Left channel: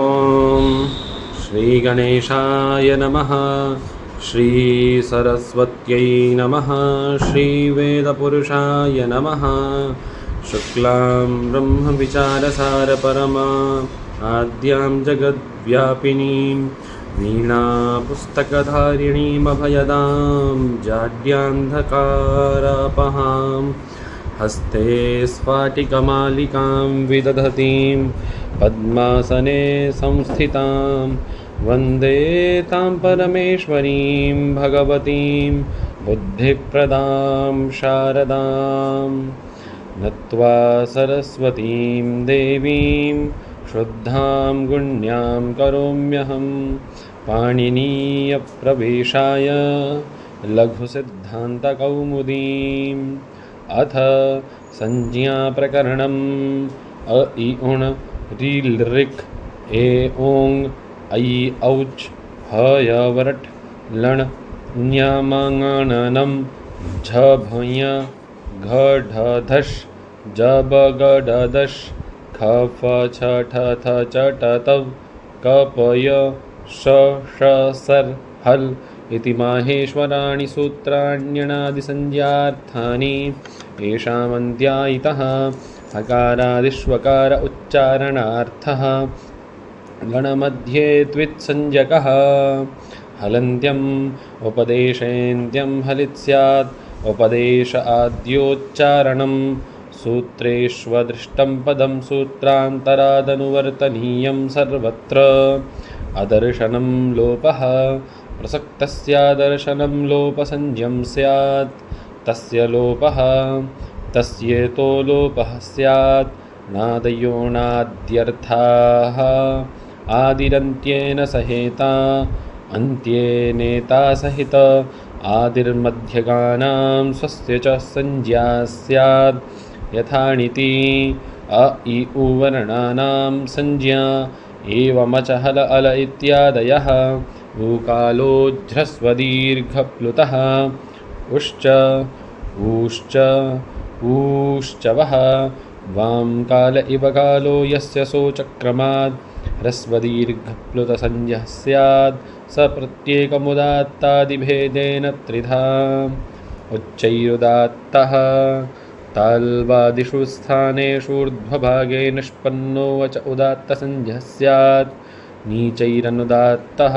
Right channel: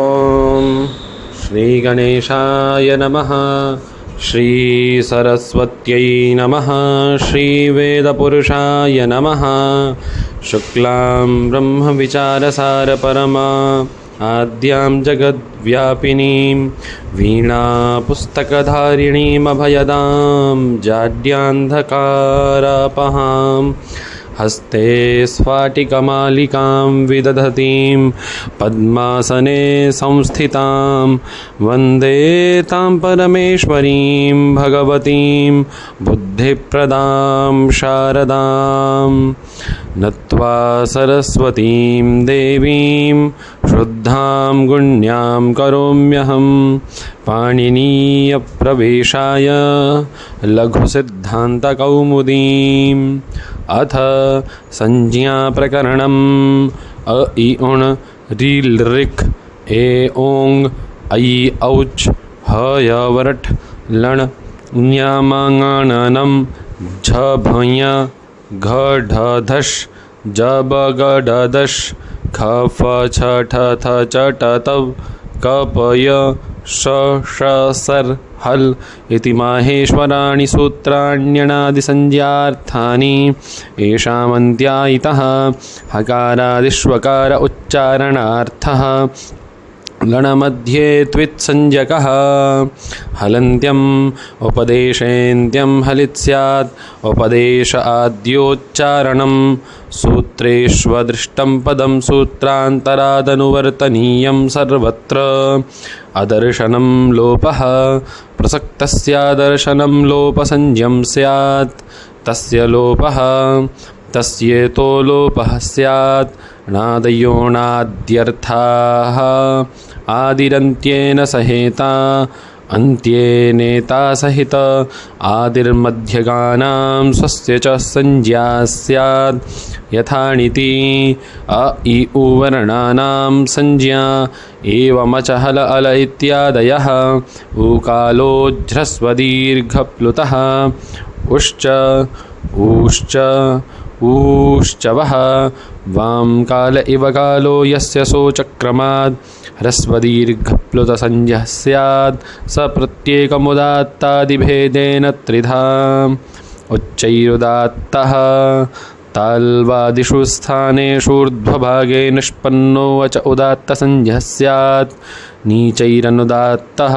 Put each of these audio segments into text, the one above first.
ॐ श्रीगणेशाय नमः। श्रीसरस्वत्यै नमः। श्रीवेदपुरुषाय नमः। शुक्लां ब्रह्मविचारसारपरमा आद्यां जगद्व्यापिनीं वीणापुस्तकधारिणीमभयदां जाड्यान्धकारापहां हस्ते स्फाटिकमालिकां विदधतीं पद्मासने संस्थितां वन्दे तां परमेश्वरीं भगवतीं बुद्धिप्रदां शारदां नत्वा सरस्वतीं देवीं शुद्धां गुण्यां करोम्यहं पाणिनीयप्रवेशाय लघुसिद्धान्तकौमुदीम् अथ संज्ञाप्रकरणम् अ इ उण् ऋ ऋक् ए ओङ् ऐ औच् ह य वरट् लण् ञ झ भञ घ ढ धश् ज ब ग ढ दश् ख फ छ ठ थ च ट त क प य श ष सर् हल् इति माहेश्वराणि सूत्राण्यणादिसंज्ञार्थानि येषामन्त्या इतः हकारादिष्वकार उच्चारणार्थः लणमध्ये त्वित्संज्ञकः हलन्त्यम् उपदेशेन्त्यं हलित् स्यात् उपदेश आद्योच्चारणं सूत्रेष्वदृष्टं पदं सूत्रान्तरादनुवर्तनीयं सर्वत्र अदर्शनं लोपः प्रसक्तस्यादर्शनं लोपसंज्ञं स्यात् तस्य लोपः तस्येतो लोपः स्यात् नादयोणाद्यर्थाः आदिरन्त्येन सहेता अन्त्येनेता सहित आदिर्मध्यगानां स्वस्य च संज्ञा स्यात् यथाणिति अ इ उ वर्णानां संज्ञा एवमच हल अल इत्यादयः ऊकालोज्झ्रस्वदीर्घप्लुतः उश्च ऊश्च ऊश्चवः वां काल इव कालो यस्य सोचक्रमात् ह्रस्वदीर्घप्लुतसंज्ञः स्यात् स प्रत्येकमुदात्तादिभेदेन त्रिधा उच्चैरुदात्तः ताल्वादिषु स्थानेषु ऊर्ध्वभागे निष्पन्नो अच उदात्तसंज्ञः स्यात् नीचैरनुदात्तः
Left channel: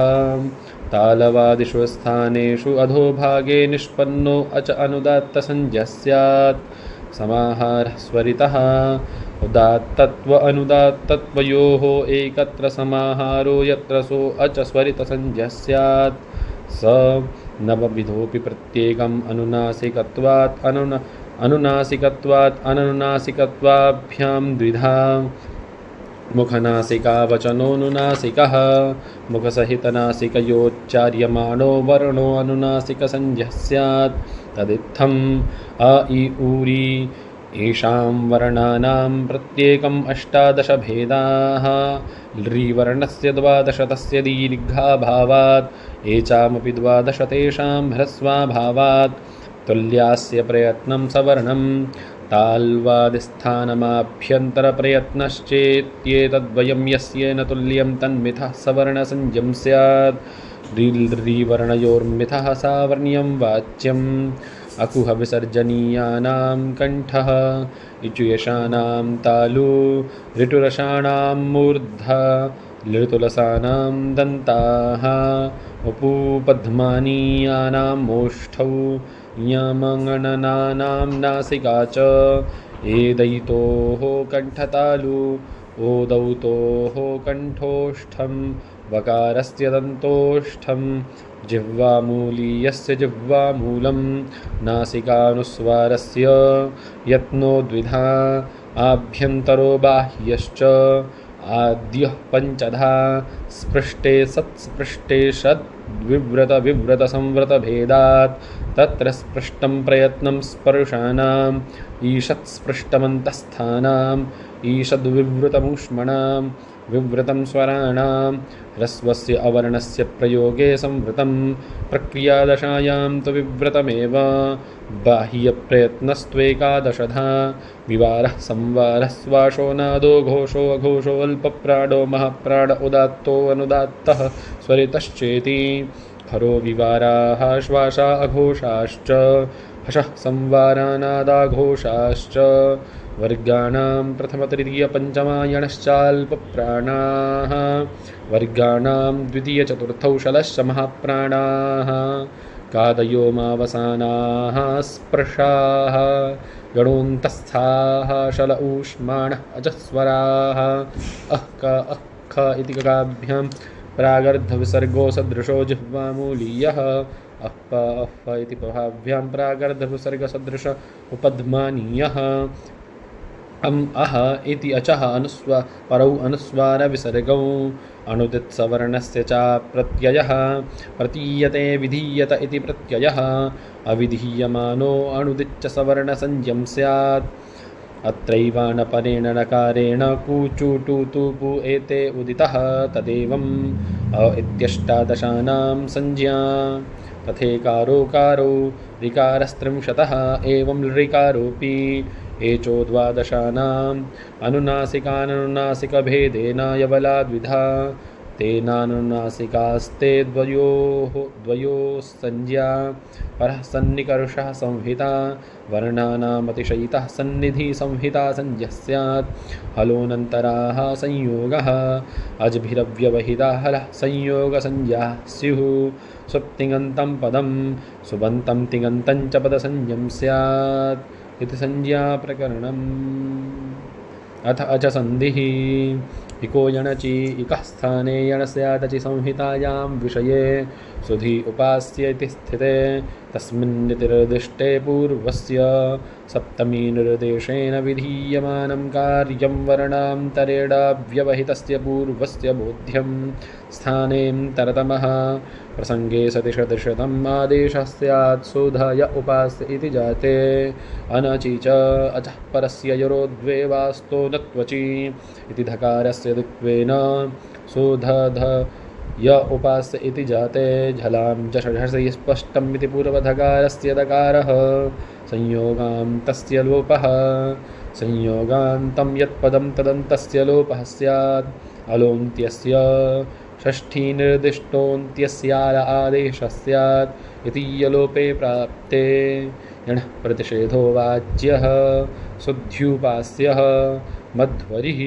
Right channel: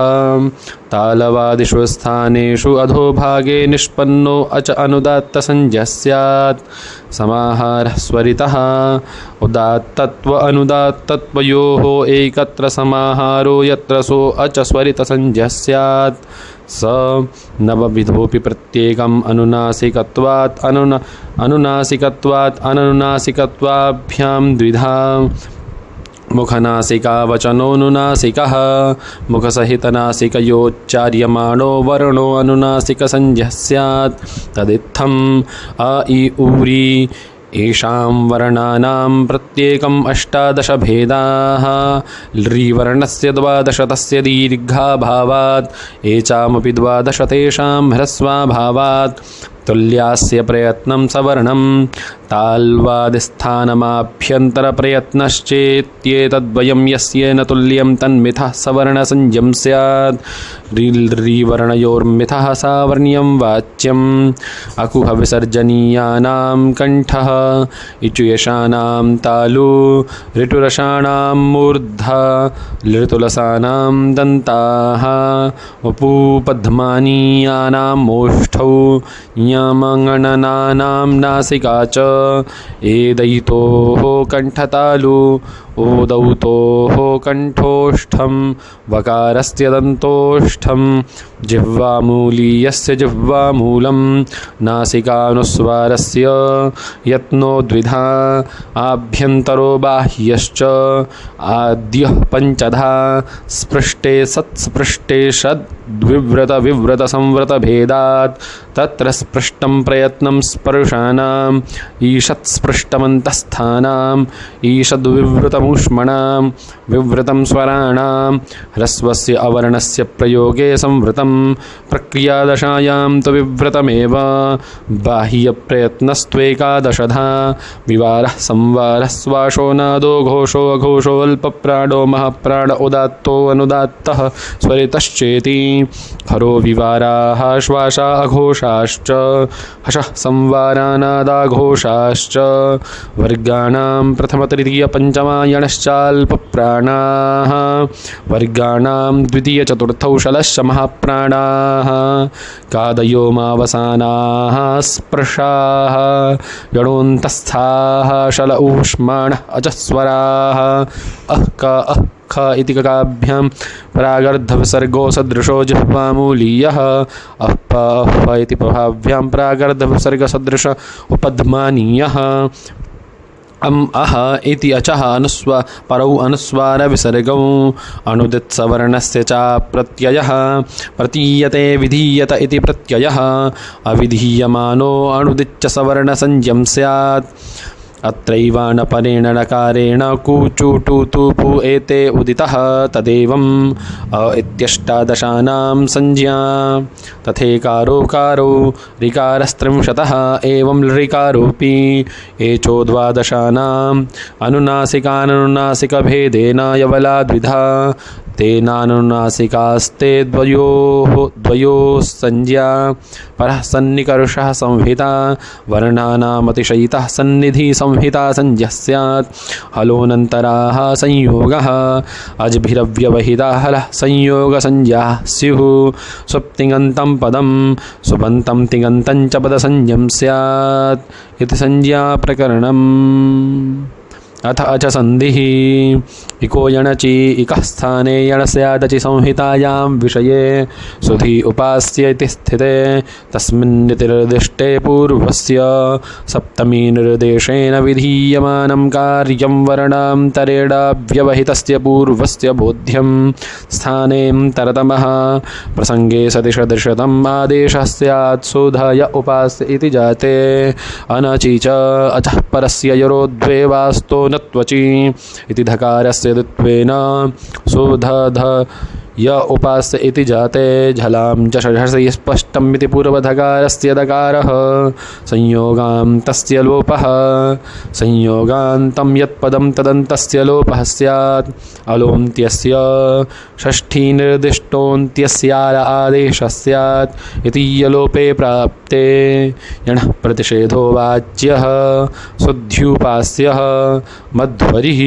तालवादिषु स्थानेषु अधोभागे निष्पन्नो अच अनुदात्तसंज्ञः स्यात् समाहारः स्वरितः उदात्तत्व अनुदात्तत्वयोः एकत्र समाहारो यत्र सो अच स्वरितसंज्ञः स्यात् स नवविधोऽपि प्रत्येकम् अनुनासिकत्वात् अनुनासिकत्वाभ्यां द्विधा मुखनासिकावचनोऽनुनासिकः मुखसहितनासिकयोच्चार्यमाणो वर्णो अनुनासिकसंज्ञः स्यात् तदित्थम् अ इ ऊरि येषां वर्णानां प्रत्येकम् अष्टादशभेदाः लृवर्णस्य 12 तस्य दीर्घाभावात् एचामपि 12 तेषां ह्रस्वाभावात् तुल्यास्य प्रयत्नं सवर्णं ताल्वादिस्थानमाभ्यन्तरप्रयत्नश्चेत्येतद्वयं यस्येन तुल्यं तन्मिथः सवर्णसंज्ञं स्यात् ऋवर्णयोर्मिथः सावर्ण्यं वाच्यम् अकुहविसर्जनीयानां कण्ठः इचुयशानां तालु ऋटुरसाणां मूर्धा लृतुलसानां दन्ताः उपूपध्मानीयानां ओष्ठौ यमगणनानां नासिका च एदयितोः कण्ठतालु ओदौतोः कण्ठोष्ठं वकारस्य दन्तोष्ठं जिह्वामूलीयस्य जिह्वामूलं नासिकानुस्वारस्य यत्नो द्विधा आभ्यन्तरो बाह्यश्च आद्यः पञ्चधा स्पृष्टे सत्स्पृष्टे षद् विव्रत विव्रत संव्रत भेदात् तत्र स्पृष्टं प्रयत्नं स्पर्शानाम् ईषत् स्पृष्टमन्तस्थानाम् ईषद्विवृतमूष्मणां विवृतं स्वराणां ह्रस्वस्य अवर्णस्य प्रयोगे संवृतं प्रक्रियादशायां तु विवृतमेव बाह्यप्रयत्नस्त्वेकादशधा विवारः संवारः श्वासो नादो घोषो अघोषो अल्पप्राणो महाप्राण उदात्तो अनुदात्तः स्वरितश्चेति हरो विवाराः श्वासा अघोषाश्च हशः संवारानादाघोषाश्च वर्गाणां प्रथमतृतीयपञ्चमायणश्चाल्पप्राणाः वर्गाणां द्वितीयचतुर्थौ शलश्च महाप्राणाः कादयो मावसानाः स्पृशाः यणोन्तस्थाः शल ऊष्माणः अजस्वराः अः का अः ख इति ककाभ्यां प्रागर्धविसर्गो सदृशो जिह्वामूलीयः अः प इति प्रभाभ्यां प्रागर्धविसर्गसदृश उपध्मानीयः अह इति अचः परौ अनुस्वारविसर्गौ अनुदित्सवर्णस्य च प्रत्ययः प्रतीयते विधीयत इति प्रत्ययः अविधीयमानो अनुदिच्च स्यात् अत्रैवानपरेण नकारेण कुचुटुतुपु एते उदितः तदेवम् इत्यष्टादशानां संज्ञा तथेकारोकारो ऋकारस्त्रिंशतः एवं ऋकारोऽपि एचोद्वादशानाम् अनुनासिकाननुनासिकभेदेन यवला द्विधा तेनानुनासिकास्ते द्वयोः संज्ञा परः सन्निकर्षः संहिता वर्णानामतिशयितः सन्निधि संहिता संज्ञः स्यात् हलोऽनन्तराः संयोगः अज्भिरव्यवहिताः हलः संयोगसंज्ञाः स्युः सुप्तिङन्तं पदं सुबन्तं तिङन्तं च पदसंज्ञं स्यात् इति संज्ञाप्रकरणम् अथ अच संधिः इको यणचि इकः स्थाने यणस्यादचि संहितायां विषये सुधि उपास्य इति स्थिते तस्मिन्निति निर्दिष्टे पूर्वस्य सप्तमी निर्देशेन विधीयमानं कार्यं वर्णान्तरेणाव्यवहितस्य पूर्वस्य बोध्यं स्थानेऽन्तरतमः प्रसङ्गे सति सदृशतम् आदेशः स्यात् सुधय उपास्य इति जाते अनचि च अचः परस्य यरोद्वे वास्तो न त्वचि इति धकारस्य द्वित्वेन सुधध य उपास्य इति जाते झलां च षषसि स्पष्टमिति पूर्वधकारस्य दकारः संयोगान्तस्य लोपः संयोगान्तं यत्पदं तदन्तस्य लोपः स्यात् अलोन्त्यस्य षष्ठी निर्दिष्टोऽन्त्यस्यार आदेशः स्यात् इति यलोपे प्राप्ते यणः प्रतिषेधो वाच्यः शुद्ध्युपास्यः मध्वरिः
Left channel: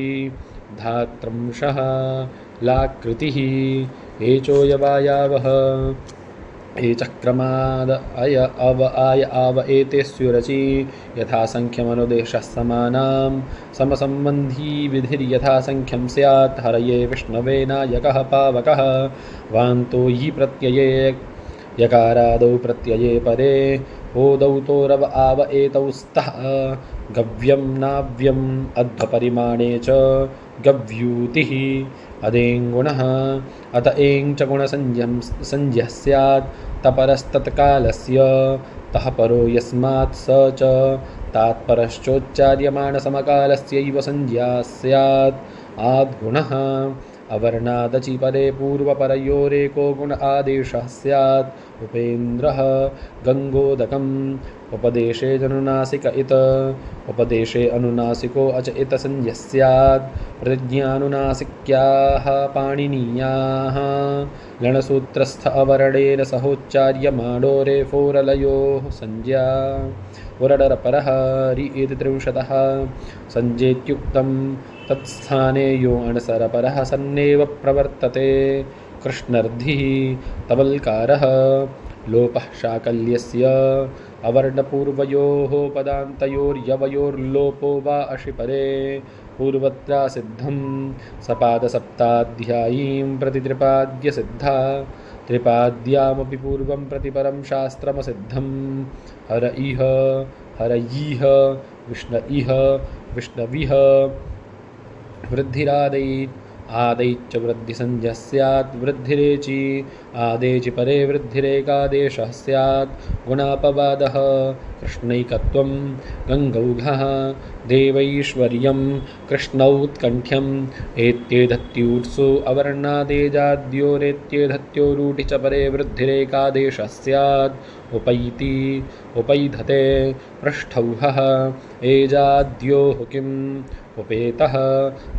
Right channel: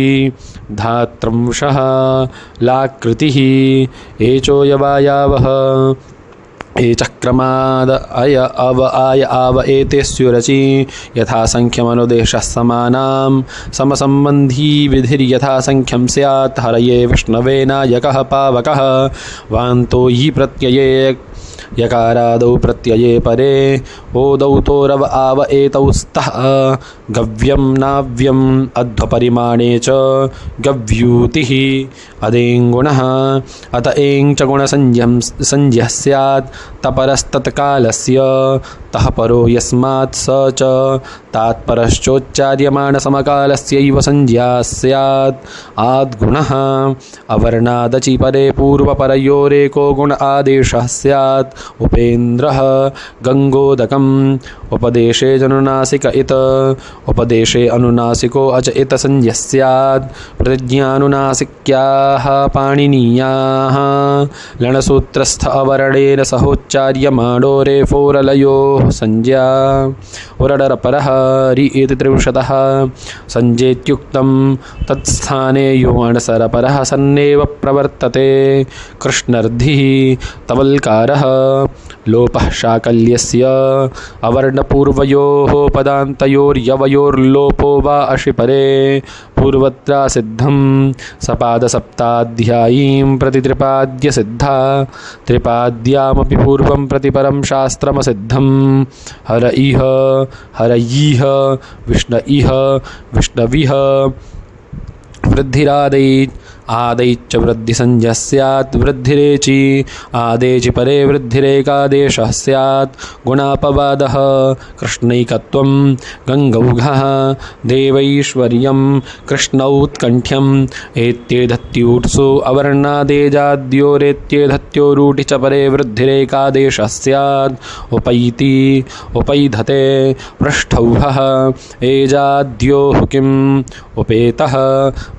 धात्रंशः लाकृतिः एचो यवायावः एचक्रमाद अय अव आय आव एते स्युरचि यथासङ्ख्यमनुदेशः समानां समसम्बन्धी विधिर्यथासङ्ख्यं स्यात् हरये विष्णवे नायकः पावकः वान्तो हि प्रत्यये यकारादौ प्रत्यये परे ओदौ तोरव आव एतौ स्तः गव्यं नाव्यम् अध्वपरिमाणे च गव्यूतिः अदेङ्गुणः अत एङ् च गुणसंज्ञः स्यात् तपरस्तत्कालस्य तः परो यस्मात् स च तात्परश्चोच्चार्यमाणसमकालस्यैव संज्ञा स्यात् आद्गुणः अवर्णादचि परे पूर्वपरयोरेको गुण आदेशः स्यात् उपेन्द्रः गङ्गोदकम् उपदेशे जनुनासिक इत उपदेशे अनुनासिको अच इत संज्ञः स्यात् प्रतिज्ञानुनासिक्याः पाणिनीयाः लणसूत्रस्थ अवर्णेन सहोच्चार्यमाणो रेफोरलयोः संज्ञा उरडरपरः रि इति त्रिंशतः संज्ञेत्युक्तं तत्स्थाने यो अणसरपरः सन्नेव प्रवर्तते कृष्णर्धिः तवल्कारः लोपः शाकल्यस्य अवर्णपूर्वयोः पदान्तयोर्यवयोर्लोपो वा अशिपरे पूर्वत्रा सिद्धं सपादसप्ताध्यायीं प्रति त्रिपाद्य सिद्धा त्रिपाद्यामपि पूर्वं प्रतिपरं शास्त्रमसिद्धं हर इह हरयीह विष्ण इह विष्णविह वृद्धिरादै आदैश्च वृद्धिसंज्ञः स्यात् वृद्धिरेचि आदेचि परे वृद्धिरेकादेशः स्यात् गुणापवादः कृष्णैकत्वं गङ्गौघः देवैश्वर्यं कृष्णौत्कण्ठ्यम् एत्येधत्यूट्सु अवर्णादेजाद्योरेत्येधत्योरूढि च परे वृद्धिरेकादेशः स्यात् उपैति उपैधते पृष्ठौहः एजाद्योः किम् उपेतः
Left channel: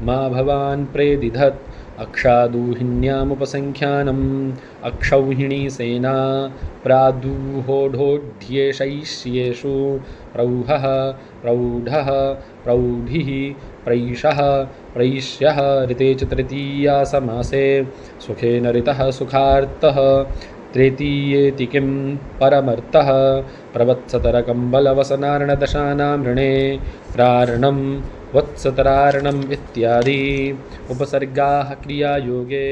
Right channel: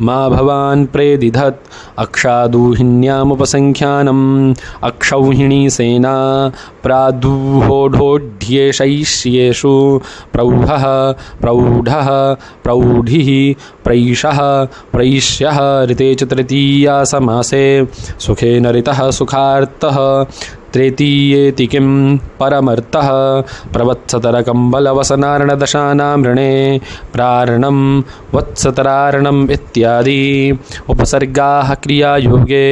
मा भवान् प्रेदिधत् अक्षादूहिण्यामुपसङ्ख्यानम् अक्षौहिणी सेना प्रादुहोढोढ्येषैष्येषु प्रौढः प्रौढः प्रौढिः प्रैषः प्रैष्यः ऋते च तृतीया समासे सुखेन ऋतः सुखार्तः तृतीयेति किं परमर्थः प्रवत्सतरकम्बलवसनार्णदशानां ऋणे प्रारणं वत्सतरारणम् इत्यादि उपसर्गाः क्रियायोगे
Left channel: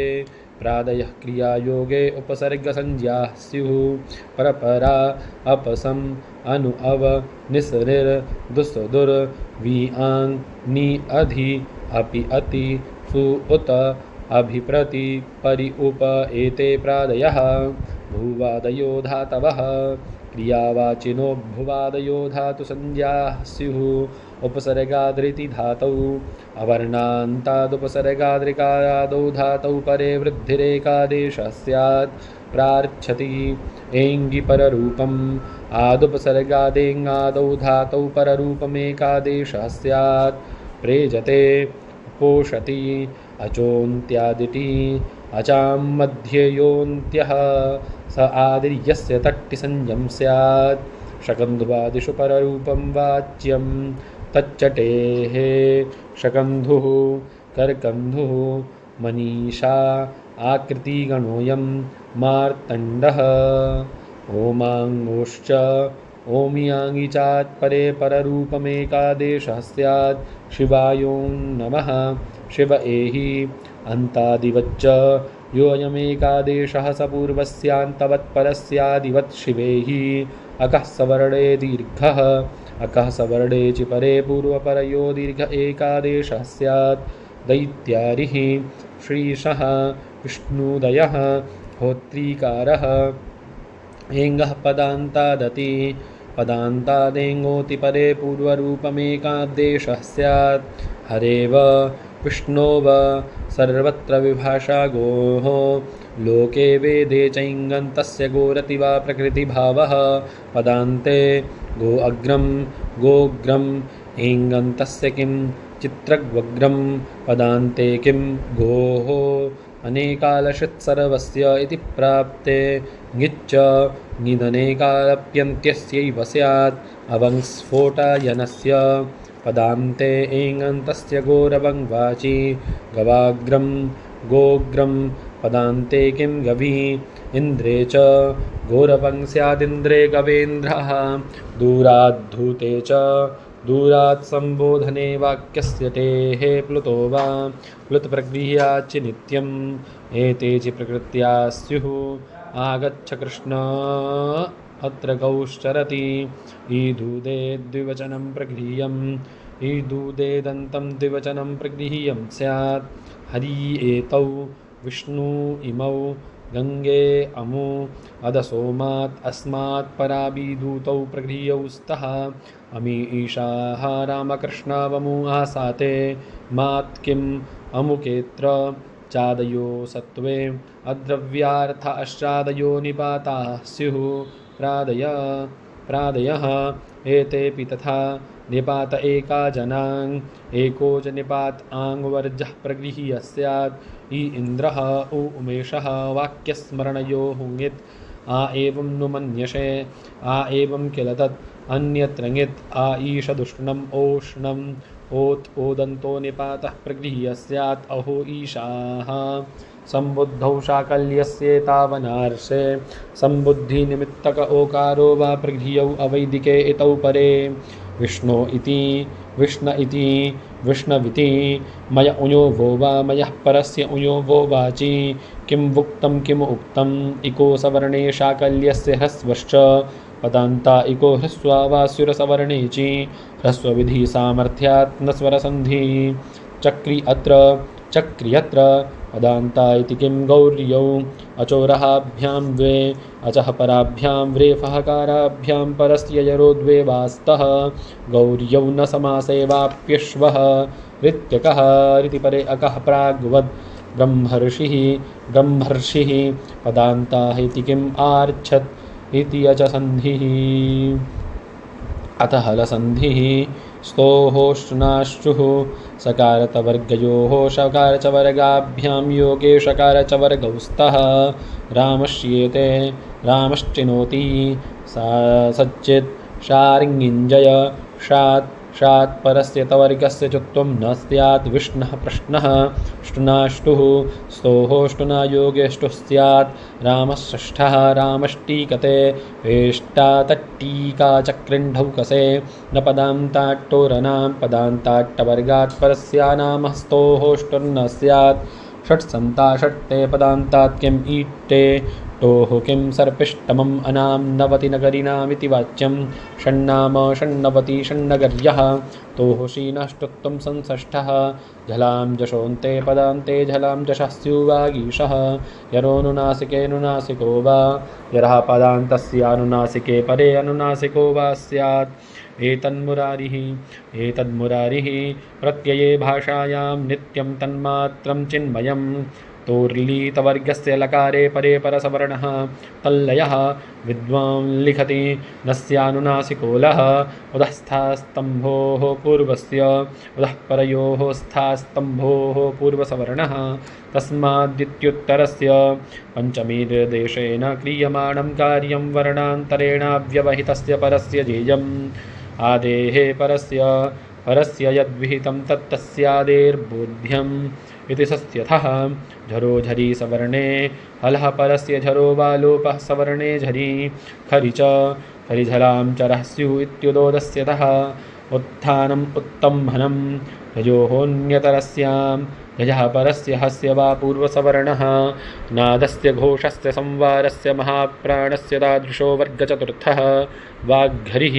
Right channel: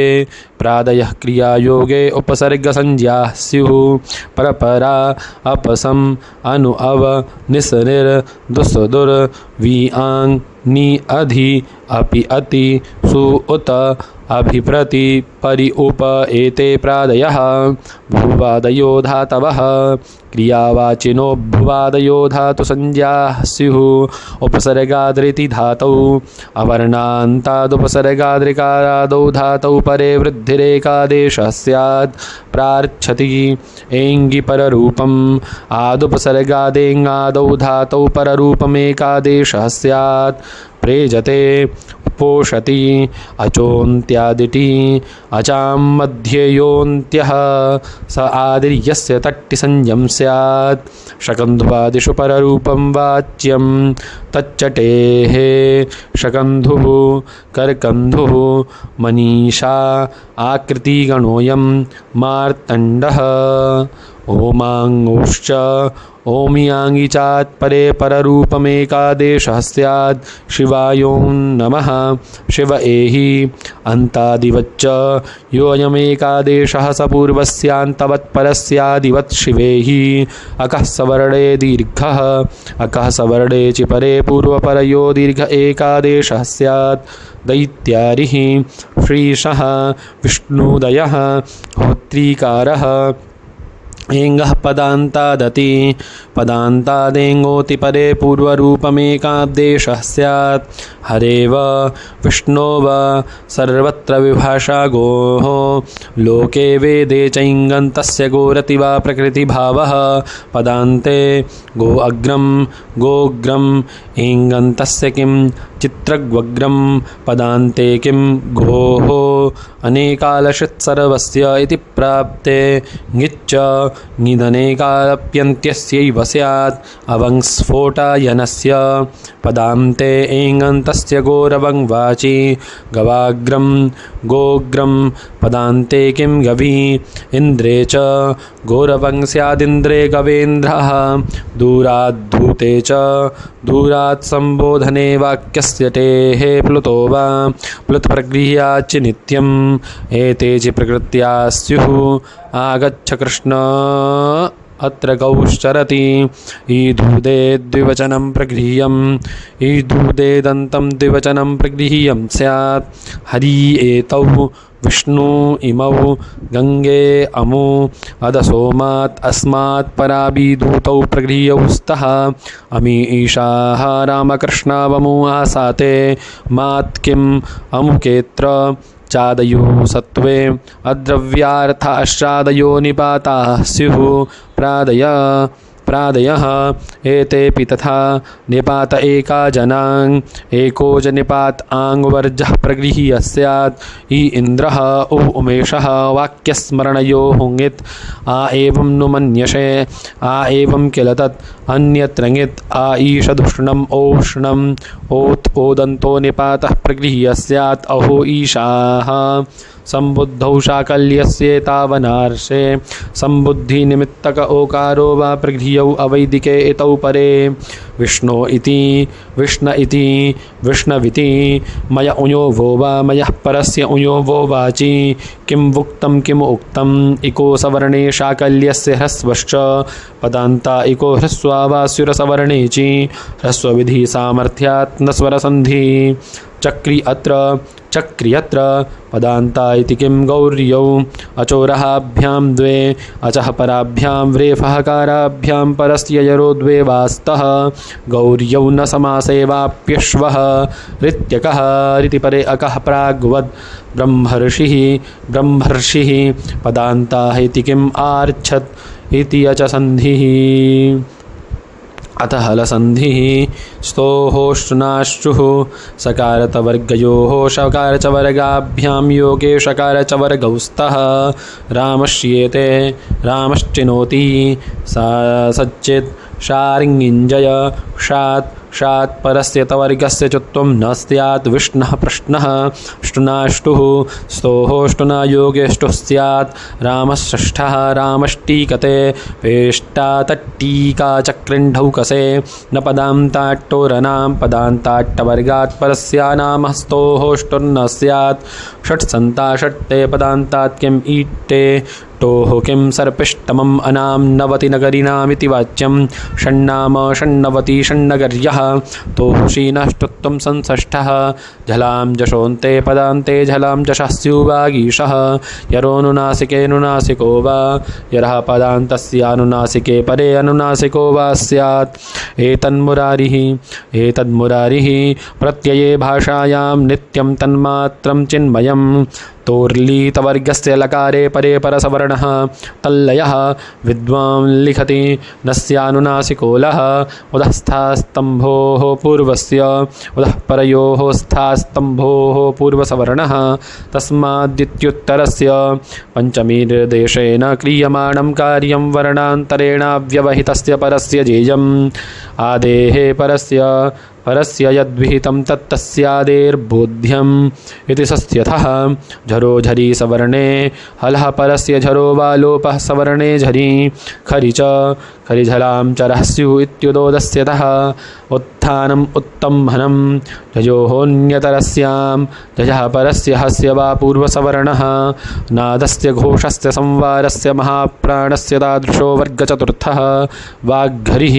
प्रादयः क्रियायोगे उपसर्गसंज्ञाः स्युः परपरा अपसम् अनु अव निसनिर् दुस् दुर् वि आङ् नि अधि अपि अति सु उत अभिप्रति परि उप एते प्रादयः भुवादयो धातवः क्रियावाचिनो भुवादयो धातुसंज्ञाः स्युः उपसर्गाद्रिति धातौ अवर्णान्तादुपसर्गाद्रिकारादौ धातौ परे वृद्धिरेकादेशः स्यात् प्रार्च्छति एङ्गि पररूपम् आदुपसर्गादेङादौ धातौ पररूपमेकादेशः स्यात् प्रेजते पोषति अचोन्त्यादिति अचां मध्येयोन्त्यः स आदिर्यस्य तट्टिसंज्ञं स्यात् शकन्धुवादिषु पररूपं वाच्यं तच्चटेः शकन्धुः करकन्धुः मनीषा आकृतिगणोऽयं मार्तण्डः ओमाङ्गोश्च ओमियाङ्गि चात्परे पररूपमेकादेशः स्यात् शिवायों नमः शिव एहि अन्तादिवच्च योऽयमेकादेशः स पूर्वस्यान्तवत्परस्यादिवत् शिवेहि अकः सवर्णे दीर्घः अकः सवर्णे च परे पूर्वपरयो दीर्घ एकादेशः स्यात् दैत्यारिः श्रीशः विष्णुदयः होत्रीकारः एङ्गः पदान्तादति पदान्तादेङोति परे पूर्वरूपमेकादेशः स्यात् हरेव विष्णोव सर्वत्र विभाषा गोः लोके वेदे चैङ्गन्तस्य गोरति वा प्रकृतिभावः पदान्ते गो अग्रं गोग्रम् एङ्गन्तस्य किं चित्रग्वग्रं पदान्ते किं गोः अनेकालशित्सर्वस्य इति प्राप्ते ङिच्च ङिदनेकालप्यन्त्यस्यैव स्यात् अवङ्स्फोटायनस्य पदान्ते एङन्तस्य गोरवं वाचि गवाग्रं गोग्रं पदान्ते किं गवी इन्द्रे च गोरवं स्यादिन्द्रे गवेन्द्रः दूराद्धूते च दूरात् सम्बोधने वाक्यस्य टेः प्लुतो वा प्लुतप्रगृह्याच्च नित्यम् एते च प्रकृत्या स्युः आगच्छ कृष्ण अत्र गौश्चरति ईधूदे द्विवचनं प्रगृह्यम् ईधूदे दन्तं द्विवचनं प्रगृह्यं स्यात् हरि एतौ विष्णु इमौ गङ्गे अमु अदसोमात् अस्मात् पराभिधूतौ प्रगृह्यौ स्तः अमी ईशाः रामकृष्णावमु आसाते मात् किम् अमुकेत्र चादयो सत्त्वे अद्रव्यार्थाश्चादयो निपाताः स्युः प्रादयः एतेऽपि तथा निपात एका जनाङ् एको च निपात आङ्वर्जः प्रगृह्य स्यात् इ इन्द्रः उ उमेशः वाक्यस्मरणयोः ङित् आ एवं नु मन्यसे आ एवं किल तत् अन्यत्र ङित् आ ईशदुष्णम् ओष्णम् ओत् ओदन्तो निपातः प्रगृह्य स्यात् अहो ईशाः सम्बुद्धौ शाकल्यस्येतावनार्षे सम्बुद्धिनिमित्तक ओकारो वा प्रगृह्यौ अवैदिके इतौ परे विष्णो इति विष्ण इति विष्णविति मय उयो वो वा मयः परस्य उयो वो वाचि किं वुक्तं किम् उक्तम् इको सवर्णे शाकल्यस्य ह्रस्वश्च पदान्ता इको ह्रस्वा वा स्युरसवर्णे चि ह्रस्वविधि सामर्थ्यात् न स्वरसन्धि चक्री अत्र चक्री अत्र पदान्ता इति किं गौर्यौ अचोरहाभ्यां द्वे अचः पराभ्यां व्रेफहकाराभ्यां परस्य यरो द्वे वास्तः गौर्यौ न समासेवाप्यश्वः ऋत्यकः ऋतिपरे अकः प्राग्वद् ब्रह्मर्षिः पदान्ता इति किम् आर्च्छत् इति अच सन्धिः अतः हलसन्धिः स्तोहोष्टुनाश्चुः सकारतवर्गयोः शकारचवर्गाभ्यां योगे शकारचवर्गौ स्तः रामश्येते रामश्चिनोति सा सच्चित् शार्ङ्गिञ्जय षात् परस्य तवर्गस्य चुत्वं न स्यात् विष्णुः प्रश्नः ष्टुनाष्टुः स्तोहोष्टुना योगेष्टुः स्यात् रामषष्ठः रामष्टीकते वेष्टातट्टीका चक्रिण्ढौकसे न पदान्ताट्टोरनां पदान्ताट्टवर्गात् परस्यानामः स्तोहोष्टुर्न स्यात् षट्सन्ता षट्टे पदान्तात् किम् ईट्टे टोः किं सर्पिष्टमम् अनां नवति नगरिणामिति वाच्यं षण्णाम षण्णवति षण्नगर्यः तोः शीनष्टुत्वं संषष्ठः झलां जशोन्ते पदान्ते झलां जशः स्युवागीशः यरोनुनासिकेऽनुनासिको वा यरः पदान्तस्यानुनासिके परे अनुनासिको वा स्यात् एतन्मुरारिः प्रत्यये भाषायां नित्यं तन्मात्रं चिन्मयम् तोर्लीतवर्गस्य लकारे परे परसवर्णः तल्लयः विद्वान् लिखति न स्यानुनासिको लः उदःस्थास्तम्भोः पूर्वस्य उदः परयोः स्थास्तम्भोः पूर्वसवर्णः तस्मादित्युत्तरस्य पञ्चमीर्देशेन क्रियमाणं कार्यं वर्णान्तरेणाव्यवहितस्य परस्य जेयम् आदेः परस्य यद्विहितं तत्तस्यादेर्बोध्यम् इति सस्यथः झरो झरी सवर्णे हलः परस्य झरो वा लोपः सवर्णे झरी खरि च खरिझलां चरः स्युः इत्युदोदस्यतः उत्थानम् उत्तम्भनं झयोऽन्यतरस्यां झयः परस्य हस्य वा पूर्वसवर्णः नादस्य घोषस्य संवारस्य महाप्राणस्य तादृशो वर्गचतुर्थः वाग्हरिः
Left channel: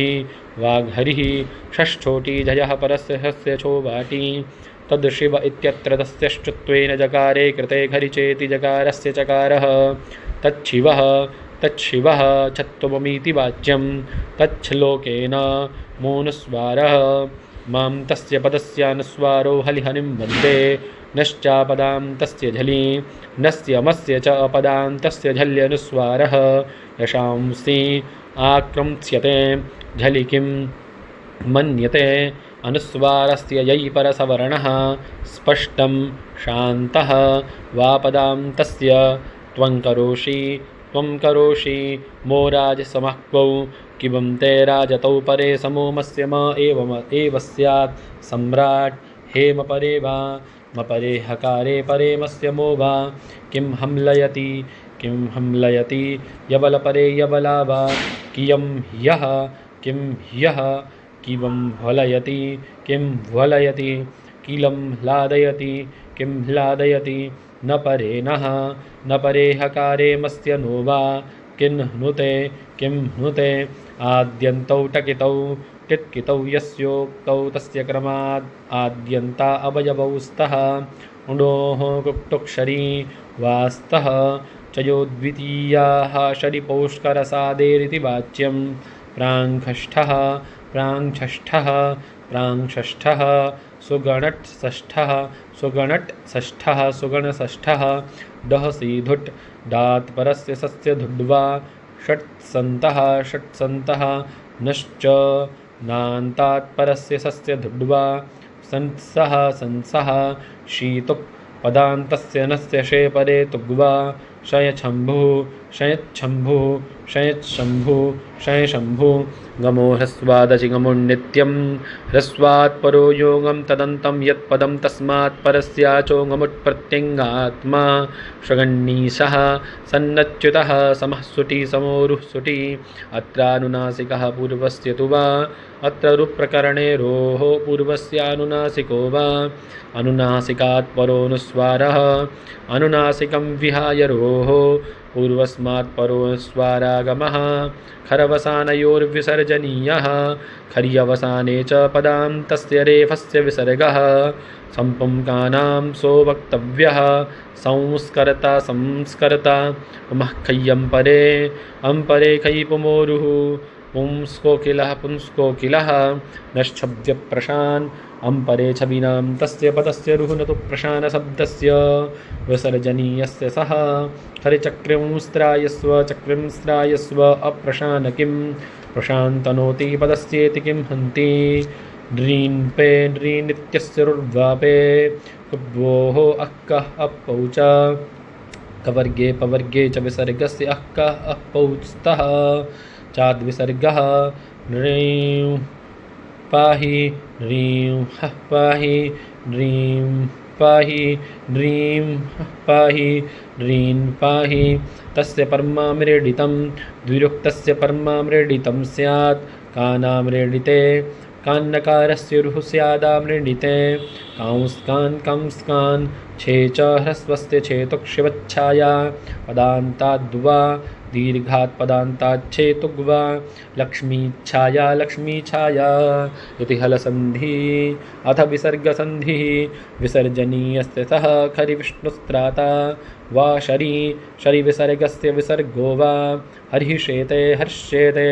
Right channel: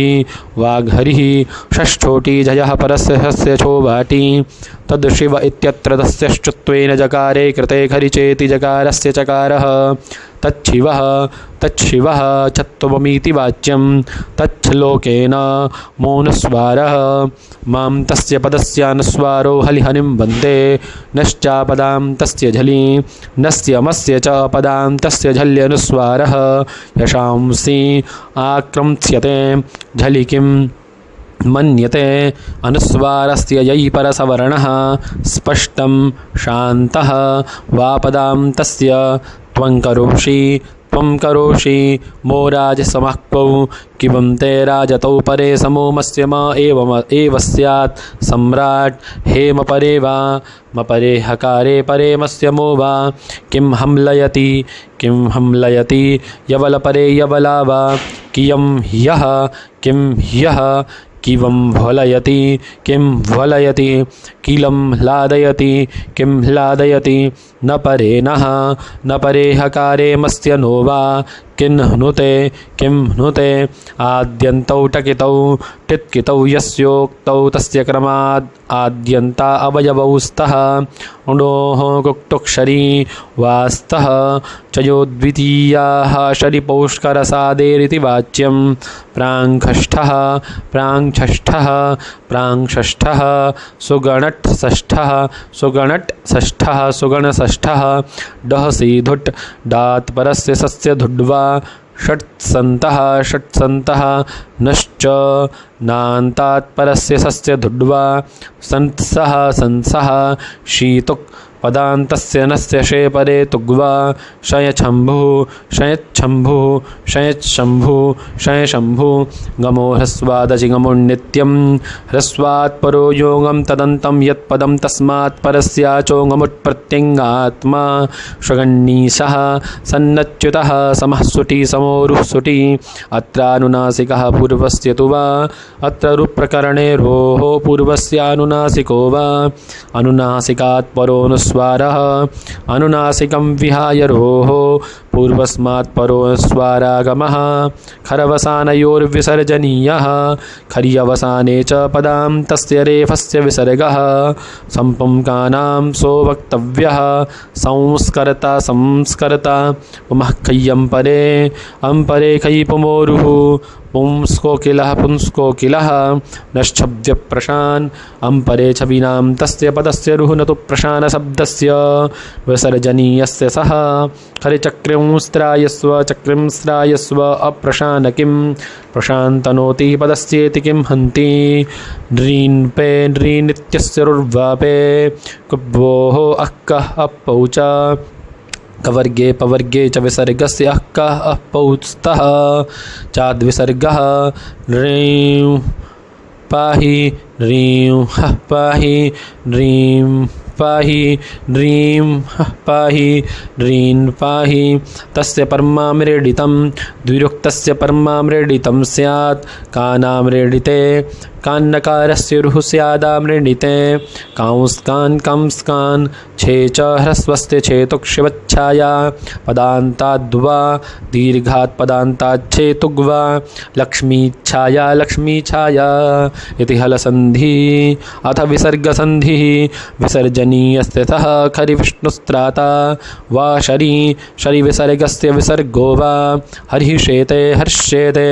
षष्ठोटी झयः परस्य हस्य छोवाटी तद्शिव इत्यत्र तस्य श्चुत्वेन जकारे कृते खरिचेति जकारस्य चकारः तच्छिवः चत्वमीति वाच्यं तच्छ्लोकेन मोनुस्वारः मां तस्य पदस्यानुस्वारो हलिहनिं वन्दे नश्चापदां तस्य झलि नस्यमस्य च पदां तस्य झल्यनुस्वारः यशांसि आक्रम्स्यते झलि किं मन्यते अनुस्वारस्य यै परसवर्णः स्पष्टं शान्तः वापदां तस्य त्वं करोषि मोराजसमक्वौ किवं ते राजतौ परे समोमस्य म एव स्यात् सम्राट् हेम परे वा मपरे हकारे परे मस्य मो वा किं हमलयति यवलपरे यवला वा कियं ह्यः किवं ह्वलयति किं ह्वलयति किलं ह्लादयति न परे नः न परे हकारे मस्य नो वा किं हनुते आद्यन्तौ टकितौ टित्कितौ यस्योक्तौ तस्य क्रमाद् आद्यन्ता अवयवौ स्तः उणोः कुक्तुक्षरी वास्तः चयो द्वितीयाः शरिपौष्करसादेरिति वाच्यं प्राङ्षष्ठः सुगणषष्ठः डहसि धुट् डात् परस्य सस्य धुड्वा षट्सन्तः नश्च नान्तात् परस्य सस्य धुड्वा संसः शीतुक् पदान्तस्य नस्य शेपरे तुग्वा शयशम्भुः गमो ह्रस्वादचि गमुन्नित्यं ह्रस्वात् परो योगं तदन्तं यत्पदं तस्मात् परस्याचोगमुत्प्रत्यङ्गात्मा श्वगण्णीशः सन्नच्युतः समः सुटी समोरुः सुटी अत्रानुनासिकः पूर्वस्य तु वा अत्र रुप्रकरणे रोः पूर्वस्यानुनासिको वा अनुनासिकात् परोनुस्वारः स्वारः अनुनासिकं विहाय रोः पूर्वस्मात् परोऽस्वारागमः खरवसानयोर्विसर्जनीयः खर्यवसाने च पदां तस्य रेफस्य विसर्गः सम्पुंकानां सो वक्तव्यः संस्करता संस्करता पुमः खय्यं परे अम्परे खयि पुमोरुः पुंस्कोकिलः पुंस्कोकिलः नश्छब्दप्रशान् अम्परे छविनां तस्य पदस्य रुः न तु प्रशानशब्दस्य विसर्जनीयस्य सः हरिचक्रिंस्त्रायस्व चक्रिंस्त्रायस्व अप्रशानकिं प्रशान्तनोति पदस्येति किं हन्ति ड्रीन् पे ड्रीनित्यस्य रुर्वापे कुब्वोः अक्कः अपौ च कवर्गे पवर्गे च विसर्गस्य अक्कः अपौस्तः चाद्विसर्गः ह्रीं पाहि ह्रीं हः पाहि ह्रीं पाहि ह्रीं हः पाहि ह्रीं पाहि तस्य परमाम्रेडितं द्विरुक्तस्य परमाम्रेडितं स्यात् कानाम्रेडिते कान्नकारस्य रुः स्यादाम्रेडिते कांस्कान् कंस्कान् छे च ह्रस्वस्य छेतुक्षिवच्छाया पदान्ताद्वा दीर्घात् पदान्ताच्छेतुग्वा लक्ष्मीच्छाया लक्ष्मीछाया इति हलसन्धि अथ विसर्गसन्धिः विसर्जनीयस्य तः खरिविष्णुस्त्राता वा शरि विसर्गस्य विसर्गो वा हरिः शेते हर्ष्येते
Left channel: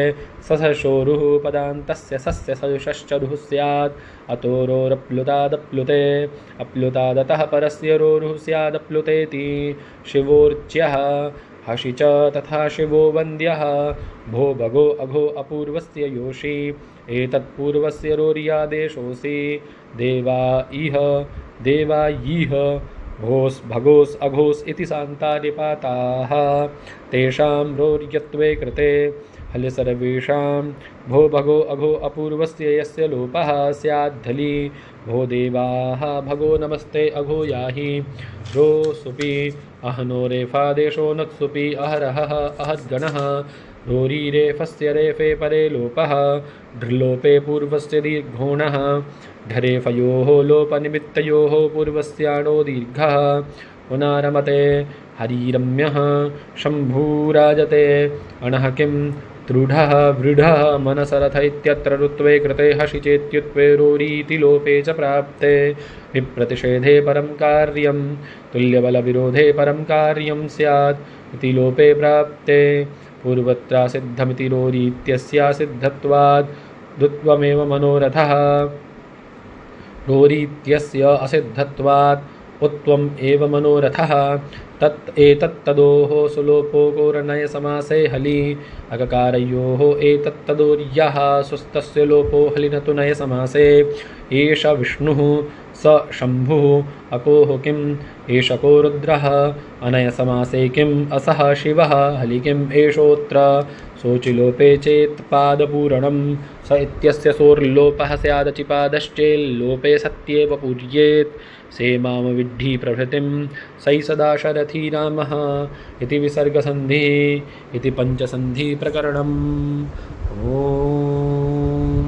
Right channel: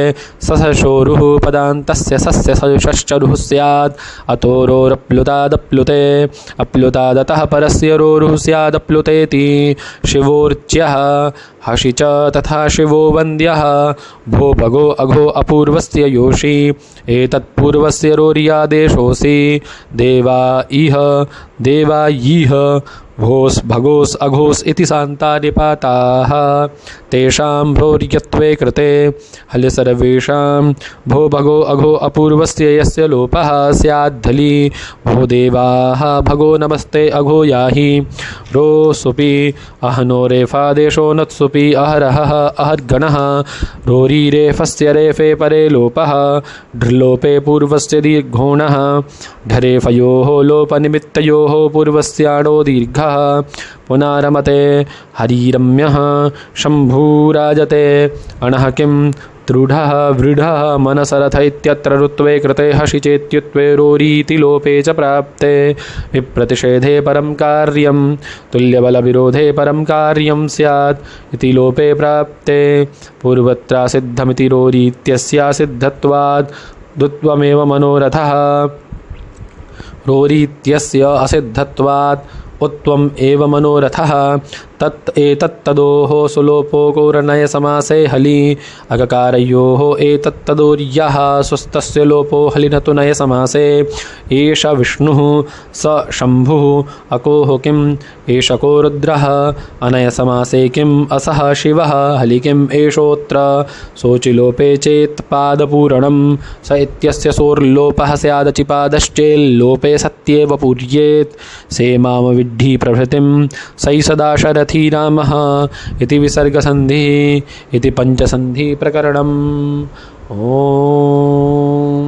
सशोरुः पदान्तस्य सस्य सशश्चरुः स्यात् अतोरोरप्लुतादप्लुते अप्लुतादतः परस्य रोरुः स्यादप्लुतेति शिवोर्च्यः हषि च तथा शिवो वन्द्यः भो भगो अघो अपूर्वस्य योषि एतत्पूर्वस्य रोर्यादेशोऽसि देवा इह देवा यीह भोस् भगोस् अघोस् इति सान्तानिपाताः तेषां भ्रोर्यत्वे कृते हल सर्वेषां भो भगो अघो अपूर्वस्य यस्य लोपः स्याद्धलि भो देवाः भगो नमस्ते अघो याहि रो सुपि अहनो रेफादेशो नत्सुपि अहरहः अहर्गणः रोरी रेफस्य रेफे परे लोपः ढ्लोपे पूर्वस्य दीर्घोणः ढरेफयोः लोपनिमित्तयोः पूर्वस्याणो दीर्घः पुनारमते हरिरम्यः शम्भूराजते अणः किं दृढः वृढः मनसरथ इत्यत्र ऋत्वे कृते हषि चेत्युत्वे रोरीति लोपे च प्राप्ते विप्रतिषेधे परं कार्यं तुल्यबलविरोधे परं कार्यं स्यात् इति लोपे प्राप्ते पूर्वत्रासिद्धमिति रोरीत्यस्यासिद्धत्वात् द्वित्वमेव मनोरथः रोरीत्यस्य असिद्धत्वात् उत्वम् एव मनोरथः तत् एतत्तदोः सुलोपो गौरनय समासे हलि अगकारयोः एतत्तदोर्यः स्वस्तस्य लोपो हलिनतु नय समासे एष विष्णुः स शम्भुः अकोः किम् एषको रुद्रः अनय समासे किम् असः शिवः हलि किम् एषोऽत्र शोचिलोपे चेत् पादपूरणं स इत्यस्य सोर्लोपः स्यादचिपादश्चेल्लोपे सत्येव पूर्येत् सेमां विद्धि प्रभृतिं सै सदा शरथि रामः इति विसर्गसन्धिः इति पञ्चसन्धिप्रकरणम्। ओम।